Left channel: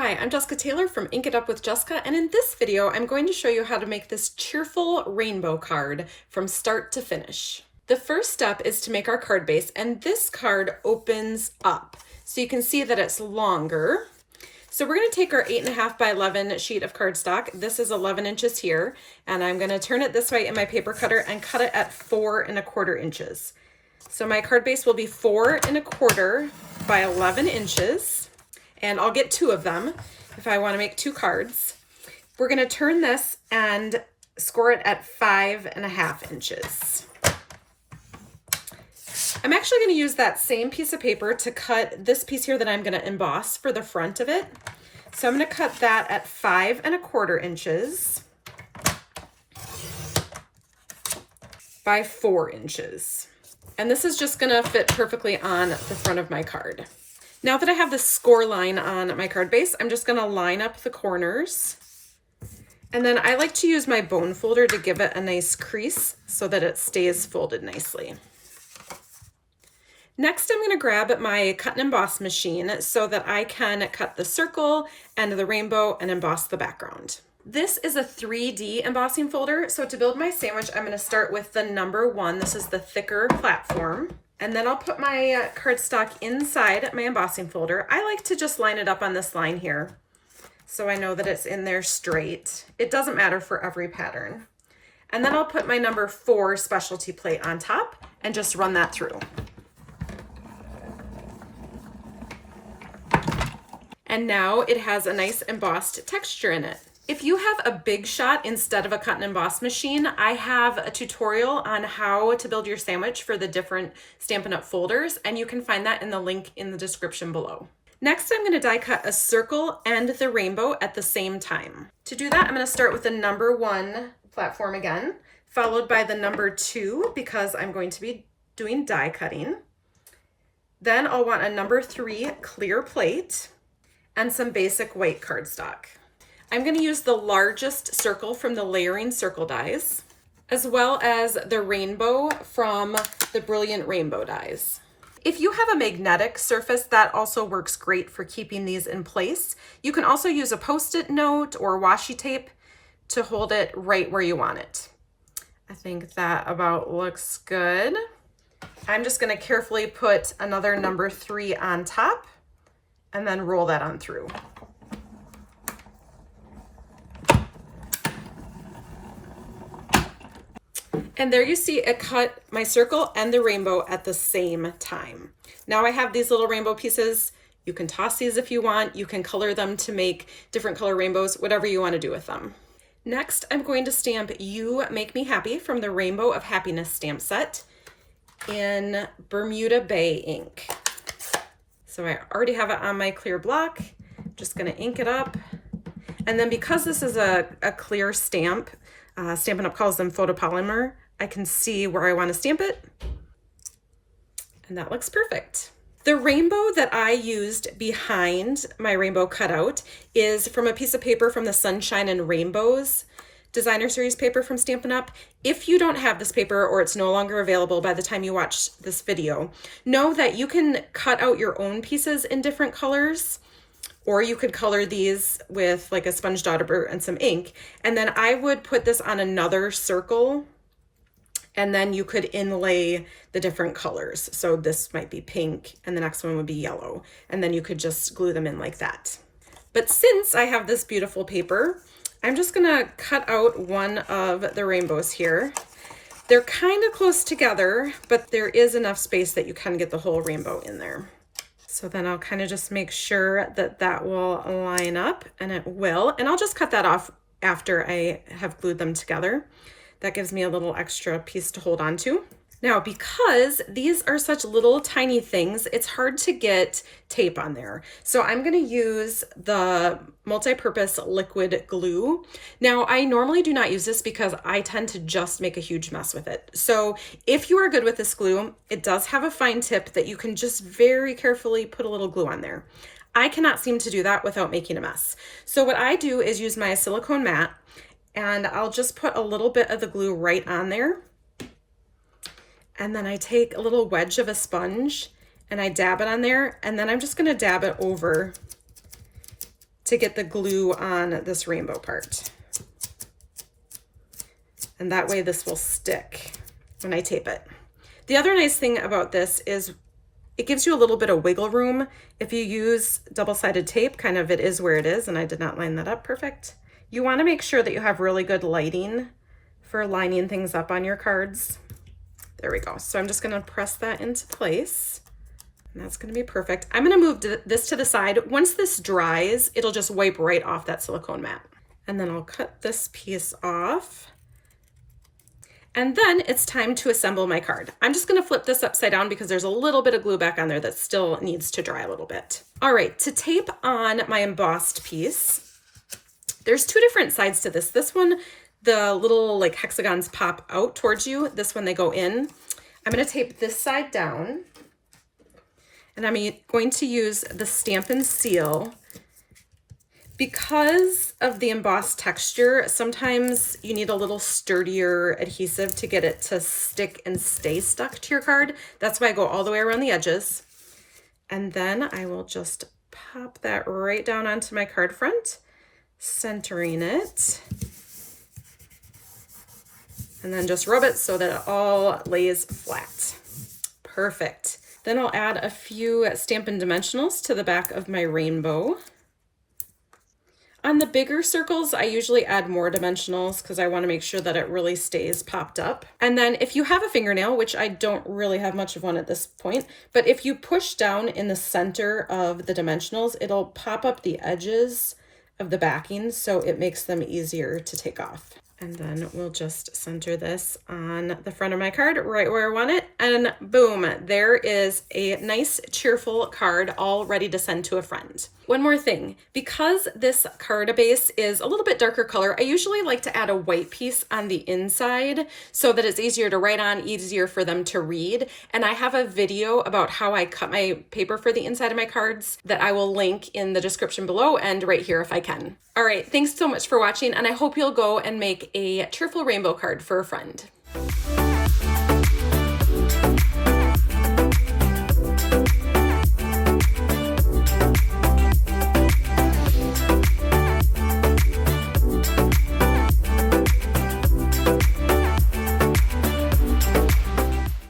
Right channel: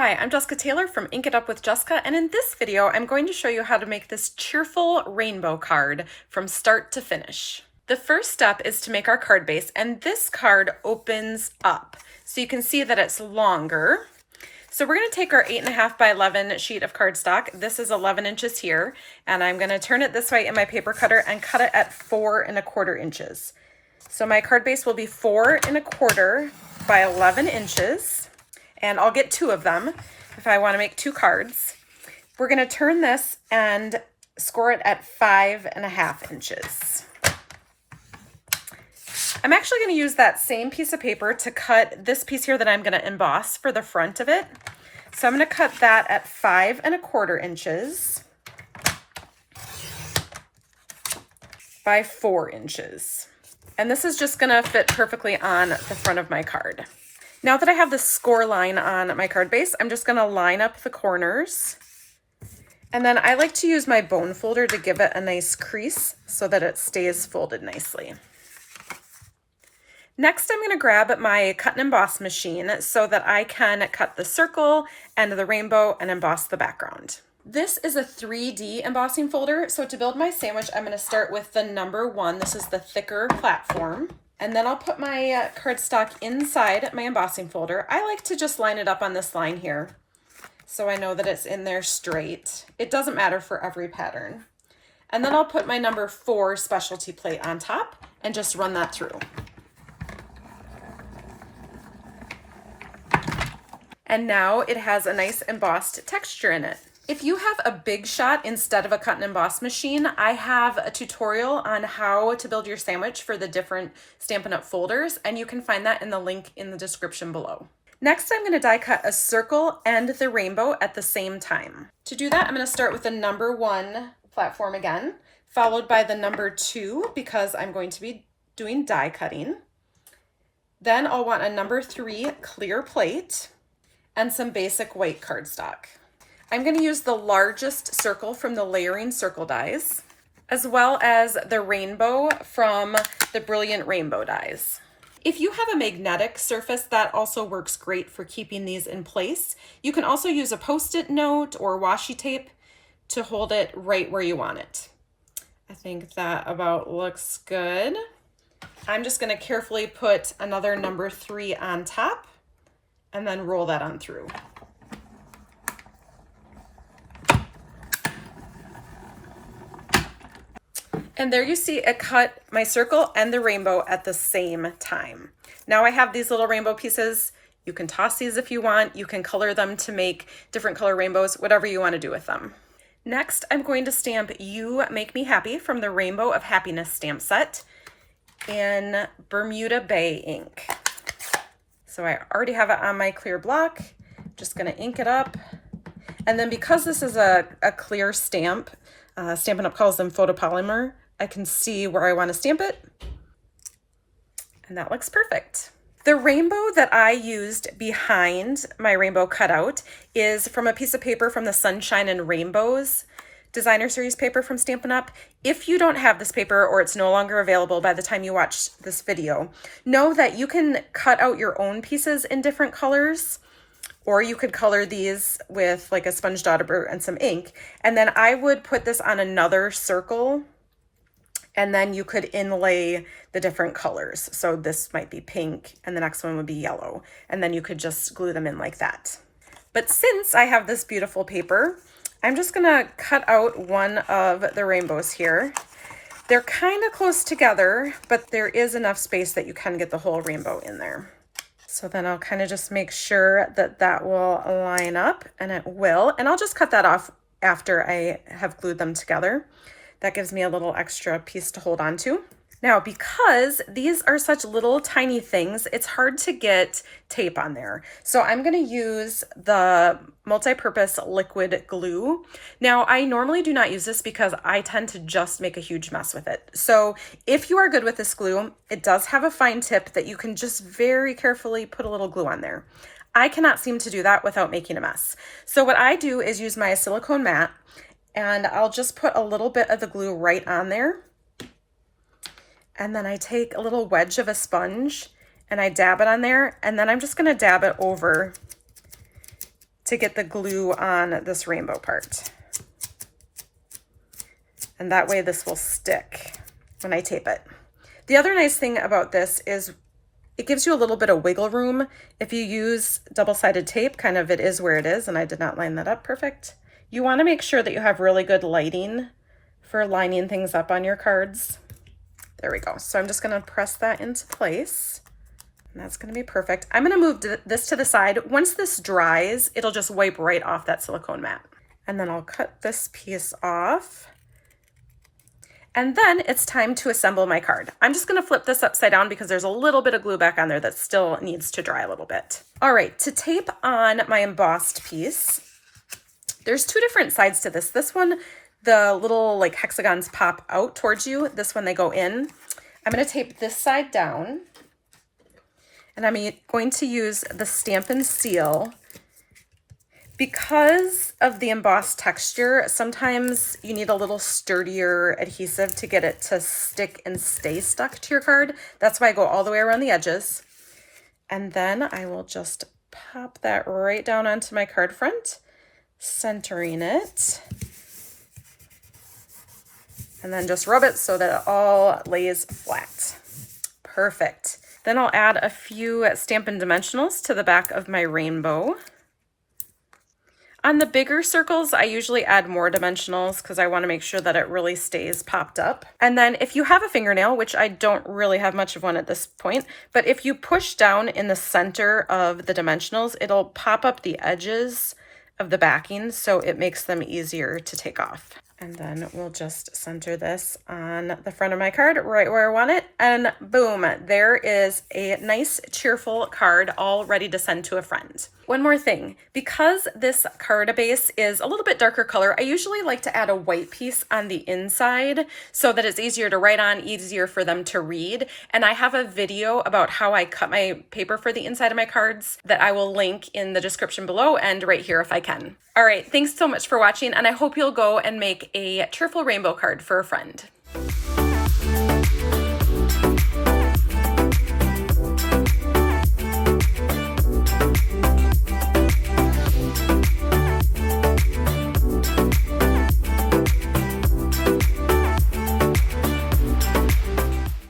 Hi, I'm Jessica Taylor from Ink It Up with Jessica, and in this video I'm going to show you how to make this cheerful rainbow card from start to finish. The first step is to make our card base, and this card opens up. So you can see that it's longer. So we're going to take our 8.5 by 11 sheet of cardstock. This is 11 inches here, and I'm going to turn it this way in my paper cutter and cut it at 4.25 inches. So my card base will be 4.25 by 11 inches. And I'll get 2 of them if I want to make 2 cards. We're going to turn this and score it at 5.5 inches. I'm actually going to use that same piece of paper to cut this piece here that I'm going to emboss for the front of it. So I'm going to cut that at 5.25 inches by 4 inches. And this is just going to fit perfectly on the front of my card. Now that I have the score line on my card base, I'm just going to line up the corners. And then I like to use my bone folder to give it a nice crease so that it stays folded nicely. Next, I'm going to grab my cut and emboss machine so that I can cut the circle and the rainbow and emboss the background. This is a 3D embossing folder. So to build my sandwich, I'm going to start with the number 1. This is the thicker platform. And then I'll put my cardstock inside my embossing folder. I like to just line it up on this line here so I know that it's in there straight. It doesn't matter for every pattern. And then I'll put my number 4 specialty plate on top and just run that through. And now it has a nice embossed texture in it. If you have a big shot instead of a cut and emboss machine, I have a tutorial on how to build your sandwich for the different Stampin' Up! Folders, and you can find that in the link in the description below. Next, I'm going to die cut a circle and the rainbow at the same time. To do that, I'm going to start with the number 1 platform again, followed by the number 2 because I'm going to be doing die cutting. Then I'll want a number 3 clear plate and some basic white cardstock. I'm going to use the largest circle from the layering circle dies, as well as the rainbow from the Brilliant Rainbow dies. If you have a magnetic surface, that also works great for keeping these in place. You can also use a Post-it note or washi tape to hold it right where you want it. I think that about looks good. I'm just going to carefully put another number 3 on top and then roll that on through. And there you see it cut my circle and the rainbow at the same time. Now I have these little rainbow pieces. You can toss these if you want. You can color them to make different color rainbows, whatever you want to do with them. Next, I'm going to stamp You Make Me Happy from the Rainbow of Happiness stamp set in Bermuda Bay ink. So I already have it on my clear block. Just going to ink it up. And then because this is a clear stamp, Stampin' Up! Calls them photopolymer, I can see where I want to stamp it, and that looks perfect. The rainbow that I used behind my rainbow cutout is from a piece of paper from the Sunshine and Rainbows designer series paper from Stampin' Up! If you don't have this paper or it's no longer available by the time you watch this video, know that you can cut out your own pieces in different colors. Or you could color these with like a sponge dauber and some ink. And then I would put this on another circle and then you could inlay the different colors. So this might be pink and the next one would be yellow. And then you could just glue them in like that. But since I have this beautiful paper, I'm just gonna cut out one of the rainbows here. They're kind of close together, but there is enough space that you can get the whole rainbow in there. So then I'll kind of just make sure that that will line up, and it will. And I'll just cut that off after I have glued them together. That gives me a little extra piece to hold on to. Now, because these are such little tiny things, it's hard to get tape on there. So I'm going to use the multi-purpose liquid glue. Now, I normally do not use this because I tend to just make a huge mess with it. So if you are good with this glue, it does have a fine tip that you can just very carefully put a little glue on there. I cannot seem to do that without making a mess. So what I do is use my silicone mat, and I'll just put a little bit of the glue right on there. And then I take a little wedge of a sponge and I dab it on there, and then I'm just gonna dab it over to get the glue on this rainbow part. And that way this will stick when I tape it. The other nice thing about this is it gives you a little bit of wiggle room. If you use double-sided tape, kind of it is where it is, and I did not line that up perfect. You want to make sure that you have really good lighting for lining things up on your cards. There we go. So I'm just going to press that into place. And that's going to be perfect. I'm going to move this to the side. Once this dries, it'll just wipe right off that silicone mat. And then I'll cut this piece off. And then it's time to assemble my card. I'm just going to flip this upside down because there's a little bit of glue back on there that still needs to dry a little bit. All right, to tape on my embossed piece, there's two different sides to this. This one, the little like hexagons pop out towards you. This one, they go in. I'm going to tape this side down. And I'm going to use the Stamp and Seal. Because of the embossed texture, sometimes you need a little sturdier adhesive to get it to stick and stay stuck to your card. That's why I go all the way around the edges. And then I will just pop that right down onto my card front, centering it. And then just rub it so that it all lays flat. Perfect. Then I'll add a few Stampin' Dimensionals to the back of my rainbow. On the bigger circles, I usually add more dimensionals because I want to make sure that it really stays popped up. And then if you have a fingernail, which I don't really have much of one at this point, but if you push down in the center of the dimensionals, it'll pop up the edges of the backing, so it makes them easier to take off. And then we'll just center this on the front of my card right where I want it. And boom, there is a nice cheerful card all ready to send to a friend. One more thing, because this card base is a little bit darker color, I usually like to add a white piece on the inside so that it's easier to write on, easier for them to read. And I have a video about how I cut my paper for the inside of my cards that I will link in the description below and right here if I can. All right, thanks so much for watching, and I hope you'll go and make a cheerful rainbow card for a friend.